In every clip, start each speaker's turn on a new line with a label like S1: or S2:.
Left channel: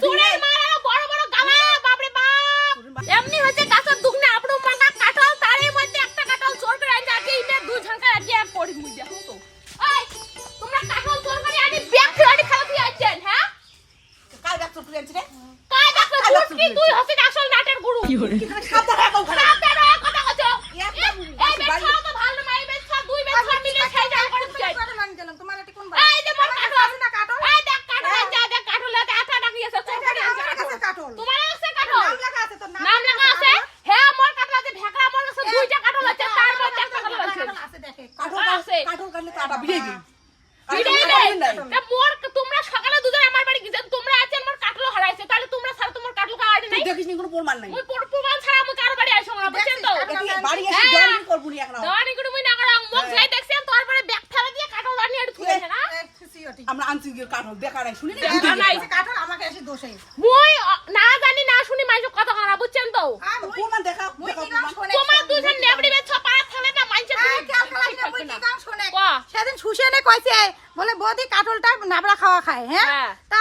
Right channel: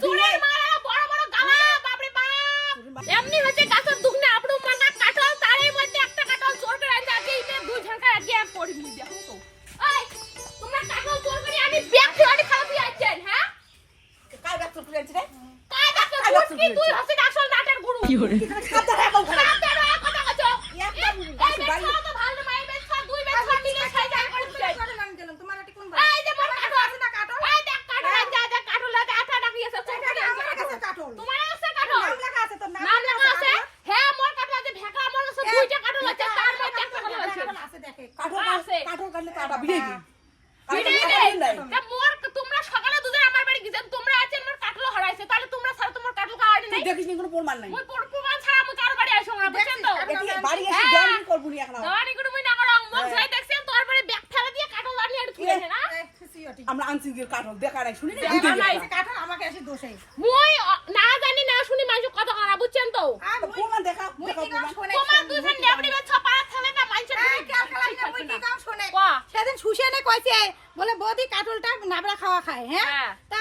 S1: চুরের মারা বড় বড় গালা বাপরে বাপ। এমনি হচ্ছে গাছের দুগনে আপনি মানা কাটল তারই মধ্যে একটা কাটল চোর করে আনতে আগে ইনে দুই ঝাঁকা আগে আর পড়ি মুই দেখো তো। এই তোমরা কাটল চোর করে আনি ব্যাগ ফেলানি খারাপ দিয়ে আছেন হ্যাঁ?
S2: কাল গাছ চুরি আনছি রে?
S1: কাজ দেখো
S2: কাজ
S1: দুধ কি
S2: চুরি
S1: তুই হচ্ছে আসল নাটের গুরু। কি হরে
S2: সাবধানে রাখো ঘরে
S1: কথা কথা কথা
S2: একটা
S1: এই
S2: গাছ বাড়ি
S1: বেচা তো ভালো মাই বেচা দুই বেচা মিলে খাই যায় করতে
S3: তোমার এটা কোন
S1: এই যে মোর কাটল
S3: না কাটল
S1: এই দেখ কাটল এই যে দেখ কাটল এত এত ডাকি আছে চোর করে
S3: আমার
S1: আনছে
S3: কাছে কাটল
S1: তোমার আছে কাটল
S3: নাম লেখা আছে তোর
S1: নাম লেখা আছে হ্যাঁ মোর কাটল আছে ভেকড়া মোর কাছে দুইটা কাটল আছে তার মধ্যে একটা কাটল আছে
S3: কাটল আছে দেখে
S2: কাঠল
S1: আছে।
S2: কাঠল কাটলে তো আটা বিড়ে গেল
S1: ভিডিও নেই তা মোর তোমরা সকালে দুজন আমার বাড়ি গেছেন তোমরা আছেন মোর কাটল হারাইছে। তাহলে তোমরা ছাড়া তোমার কাটল কাটি নাই?
S2: দেখিস নি কোনো প্রমাণ নাই।
S1: মুই প্রমাণ ছাড়া আমি কার বাড়ি আইছো না বুঝছেন তো?
S2: বাড়ি এসে
S1: হ্যাঁ।
S2: জয়েন নি এখন
S1: দাঁড়ি গুলো না করা মুখ যাই দেখছেন তারপরে ব্যাগ ফেলে দিয়ে কাটল আনি আর তুলে না
S2: আমরা আনছি গিয়ে কাঠল দেখা নাই শুনি না?
S1: দেখা
S2: বুঝে
S1: নাই।
S2: গেছে।
S3: কাটল আমাকে এসে দোষে।
S1: মুই না জানি না শুনি মাইছো কথা কানা বুঝছেন তো?
S2: প্রমাণ দেখা দেখা প্রমাণ
S3: শুনে
S1: তোমার দুজন নেবড়ি বেছ পাড়া থানে না মাইছে
S3: এই কাল খালাই না মুই কি গান শুনে
S1: বাহ।
S3: সেদিন সুশিয়ানে কইছে বলে বৌদি কাটলটা নাবড়া খাওয়া খায় হ্যাঁ?
S1: হ্যাঁ।
S3: তা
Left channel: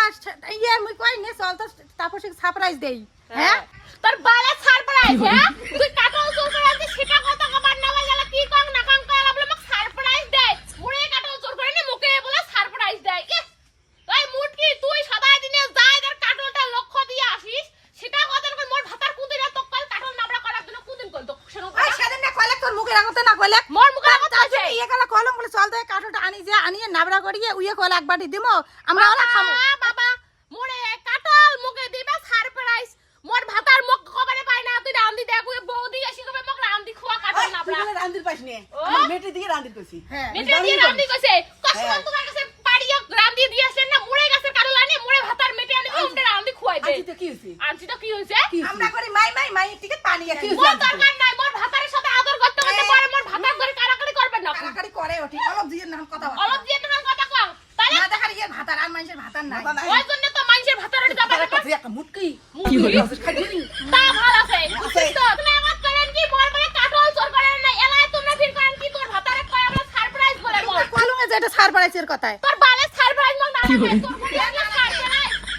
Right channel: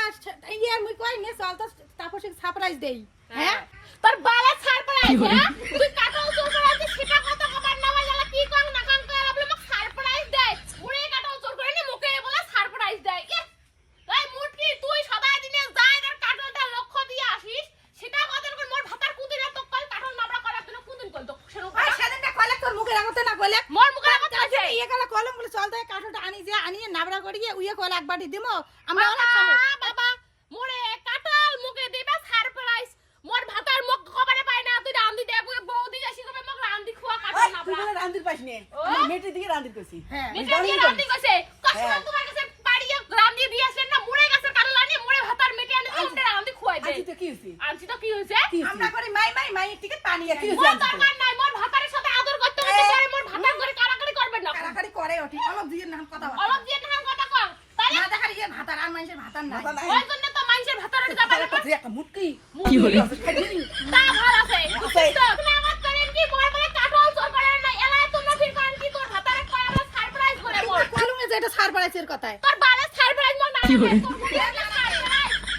S3: ইয়ে মুই কই নে চল তো তারপর সারপ্রাইজ দেই হ্যাঁ।
S1: তোর বালে ছাড় পড়া আছে হ্যাঁ? তুই কাটল চোর করে আছিস সেটা কথা কবার না গেল কি কং না কং করা বলে মোক সারপ্রাইজ দেয় মুড়ে কাটল চোর করে নি মুখে বলে সারপ্রাইজ দেয়। কি তুই মুটকি তুই সদাই দিনে যাই তোর কাটলটা লক্ষ্য দিয়ে আসিস সেটা কথা করে মোর ভাতার কুদিনা তো কল কাটল নাবড়া করার জন্য কুদিন কল তো
S3: ওই সেদিন না কইলে তোর মুখে রাখতে না কইলে?
S1: মোর মুখে
S3: তার-
S1: রাখতে
S3: তার ইয়ে গেল তো এই কাটলটা আনি যে আনিয়ে নাবড়া করিয়ে উইয়ে কইলে এক বাটি দিমো আমরা ওলা
S1: আ, বাবা মোরে কাটল মুখে দিবা সারপ্রাইজ। মোর ভাতার মুখ কবারে পাই না তুই রান্দি দেখ ওই বৌদি আসি কবে মোক রান্দি খোয়া কাটল
S2: এই, তুই বলে রান্দির পাইস নে। আমার মেয়েটির দিকে রান্দির কইছি।
S3: হ্যাঁ।
S1: মিঠে দিয়ে রান্দি কইছে। কষ্ট
S2: হ্যাঁ।
S1: তোমার কাছে পাড়িয়া রান্দি দিয়েছেন না মুড়ে গাছের কাটল আনি মুড়ে ভাতার মেটে আনি ওমটা রান্দি খুয়াই দে।
S2: আজকে কি হইছে?
S1: আনছি তো কি হইছে?
S3: আমরা করি মাই মাই মাই টিকে পানি
S2: কি
S3: আনি
S2: হইছে?
S1: মোর দরকার নাই মোর ভাতারের সাথে আদর করতে করতে পরে মোর ভাতার করে কারাকারি করবেন না
S3: কারাকারি করে ওঠি অলপ কথা
S1: অলপ দিয়ে তোমার কথা কও। তাহলে?
S3: না দেখার ইয়ে ভাতার আর মানুষের ভাতার নাই।
S1: ওই জন্য তো মানুষের ভাতারের যাবে
S2: তার
S1: না
S2: একটা একটা মুটকি
S1: কি? হলো? তা ভালো আছে। তো তুমি আমার করেন কি? মোর বলে কাটল চোর করেন না। এলাই তুমি ফির করেন কি? তোর ভাতারে কয় আমরা সারপ্রাইজ করে
S3: কলমে যেটা সারপ্রাইজের পাড়াইছে কথায়।
S1: তোর বালে সারপ্রাইজ মোর কি করে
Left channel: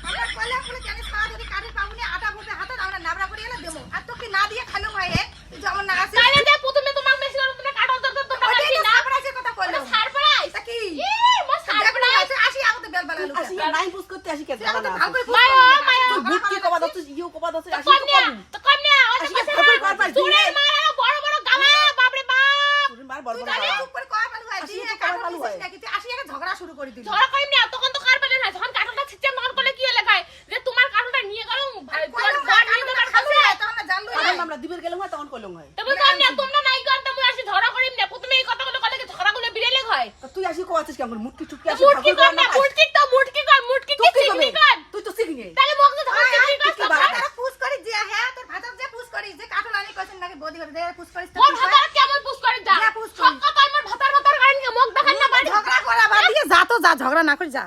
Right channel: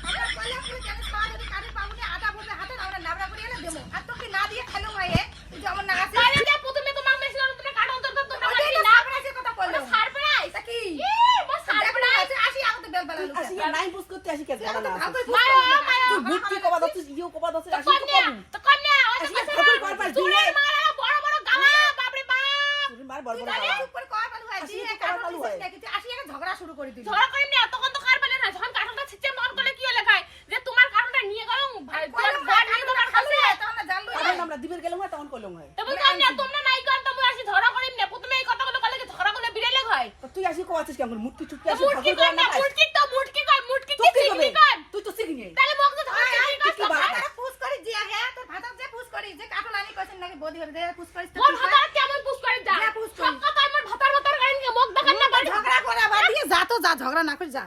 S3: আমরা কইলে বলে জানি সার যদি কাটে পাউনি আটা বুঝে হাতে আমরা নাবড়া করে এনে দেবো আর তোকে না দিয়ে খালো হয় তুই যেমন না আছে
S1: তাহলে যে প্রথমে তোমার মেসি তুমি কাটল চোর তো তোমরা
S3: ওইটাই তো
S1: না
S3: সার পাড়াইছে কথা কইলো
S1: সারপ্রাইজ
S3: তা কি
S1: ই মোর
S3: দেখল
S1: সারপ্রাইজ
S3: আছে আসি আগতে বেল লুকে
S2: আসি নাই বুঝ করতে আসি কে জানা না?
S1: মায়ো।
S2: তুই কবা ইও কবা আসি তো আসি কে কর পাই
S1: চুরের মারা বড় বড় গালা বাপরে বাপ।
S2: তুই মার বড় বড়
S3: জানি
S2: গালা।
S3: চুপ কয় পালু হয়
S2: আসি
S3: দিয়ে
S2: তো পালু হয়।
S3: নাকি? আসি একটা ঝগড়া শুরু করে দিলি।
S1: ঝগড়া করেন না তখন তো কার পেলে না? যখন কাটলটা ছিচ্ছে তখন করলে কি লেখায় যে তোমার কাটলটা নিয়ে গেল ভাই
S3: খালো হয় তখন
S2: আমরা দিবের গেলাম হয় তখন কইলাম হয়।
S1: তবে কন্যা তোমরা নাই করতে মুই আসি ঝগড়া করিম না প্রথমে এই কথাগুলো কলে কি ঝগড়া বিড়ালে হয়।
S2: তুই আসি কেমন? মুটকি চুটকি আসি ঠাকুর
S1: কর না মুটকি মুটকি
S2: তুই তুই তো শিখি নে
S1: তাহলে যে ঝগড়া
S3: আয়,
S2: কি
S3: বাবা পুশ করি যে হ্যাঁ তোর ভাতার যে পুশ করি যে কাটল আনি কইছেন নাকি বডি করে দে পুশ করিস তো
S1: মোর
S3: কি হয়?
S1: ভাতার কেমন পুশ করে যা
S3: যা
S1: সব
S3: করি।
S1: কথা আমার ভাতার ভাতার করেন মগ দেখান না বাড়ি
S3: ঝগড়া করা বাদ দিয়ে যা তো যা ঝগড়া না করি যা।